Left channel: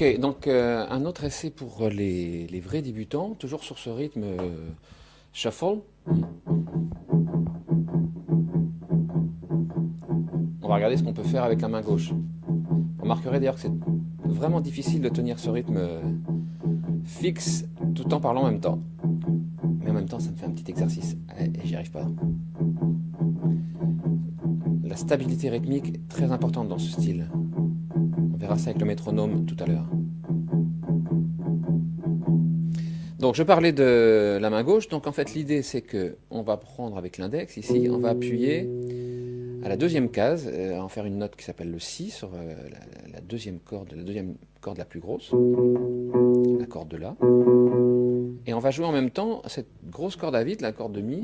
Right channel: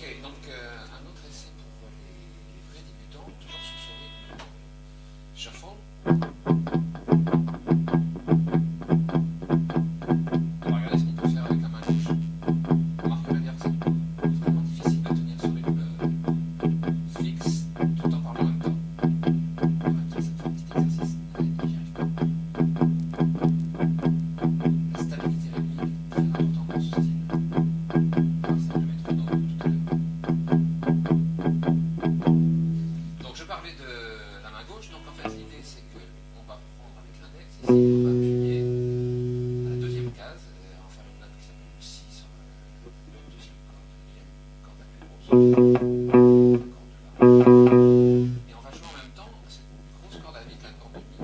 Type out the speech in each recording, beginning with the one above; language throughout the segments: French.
Ok, donc un autre essai pour les vrais débutants, toujours sur ce rythme shuffle. On va regarder ce qu'on peut faire avec la main gauche. Vous remarquerez d'ailleurs que c'est vraiment difficile de tenir ce rythme fixe tout en parlant en même temps. Mais en même temps, ça me fait un petit exercice et j'y arrive pas. La stabilité rythmique est très importante dans ce style. On verra ça avec le métronome tout à l'heure. Donc je parlais de la main gauche, donc en fait l'idée c'est que on va prendre avec l'index ici, on va appuyer à la deuxième case, en faire une note qui s'appelle le Si sur la deuxième corde la plus grosse, la corde de La, et on va jouer en même temps cette grosse corde à vide, la corde de Mi,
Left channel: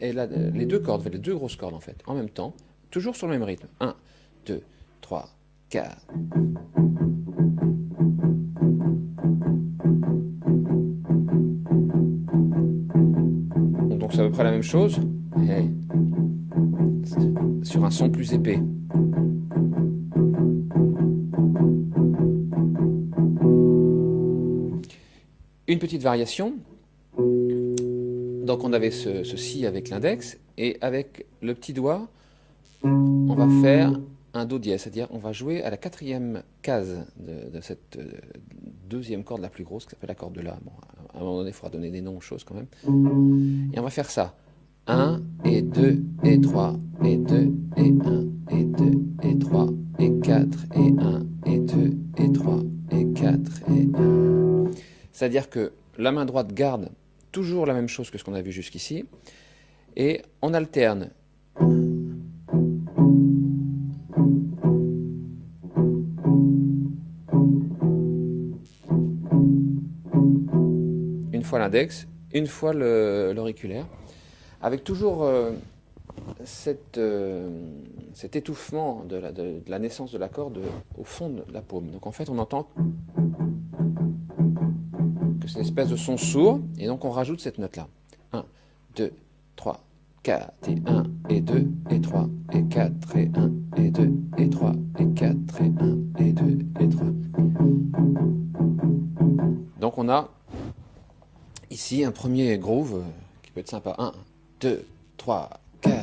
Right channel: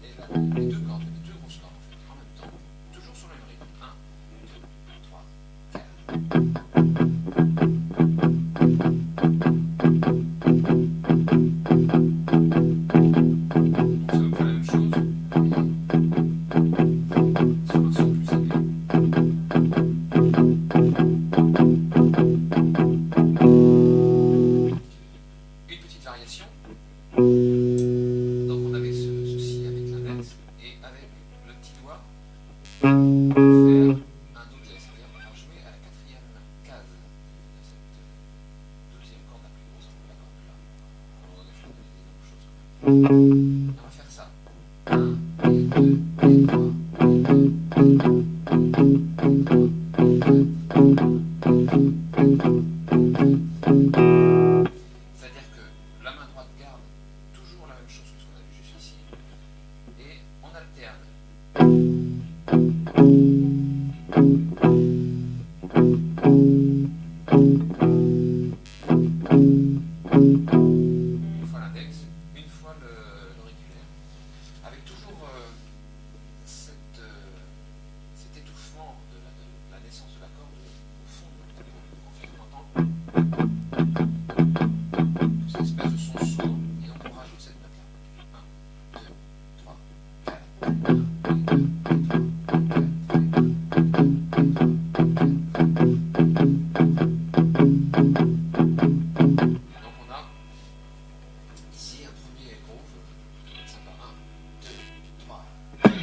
et les deux grosses cordes en fait, en même temps, toujours sur le même rythme. 1, 2, 3, 4. Donc c'est à peu près la même chose, sur un son plus épais. Une petite variation. Donc on avait ce Si avec l'index, et avec le petit doigt, on va faire un Do dièse, c'est-à-dire on va jouer à la quatrième case de cette deuxième corde la plus grosse, qui s'appelle la corde de La. Bon, à un moment donné, il faudra donner des noms aux choses quand même. Et on va faire ça. 1, et 2, et 3, et 2, et 1, et 2, et 3, et 4, et 1, et 2, et 3, et 4, et... C'est-à-dire que la main droite garde toujours la même chose que ce qu'on a vu jusqu'ici, et on alterne. Une fois l'index, une fois l'auriculaire, avec toujours cet étouffement de la naissance de la corde au fond de la paume. Donc en fait on entend que c'est une espèce de son sourd, et donc on rajoute cette note là. 1, 2, 3, 4, et 1, et 2, et 3, et 4, et 1, et 2, et 3, et 4, et 1, et 2, et 3. Donc on a ici un premier groove qui peut être sympa. 1, 2, 3, 4.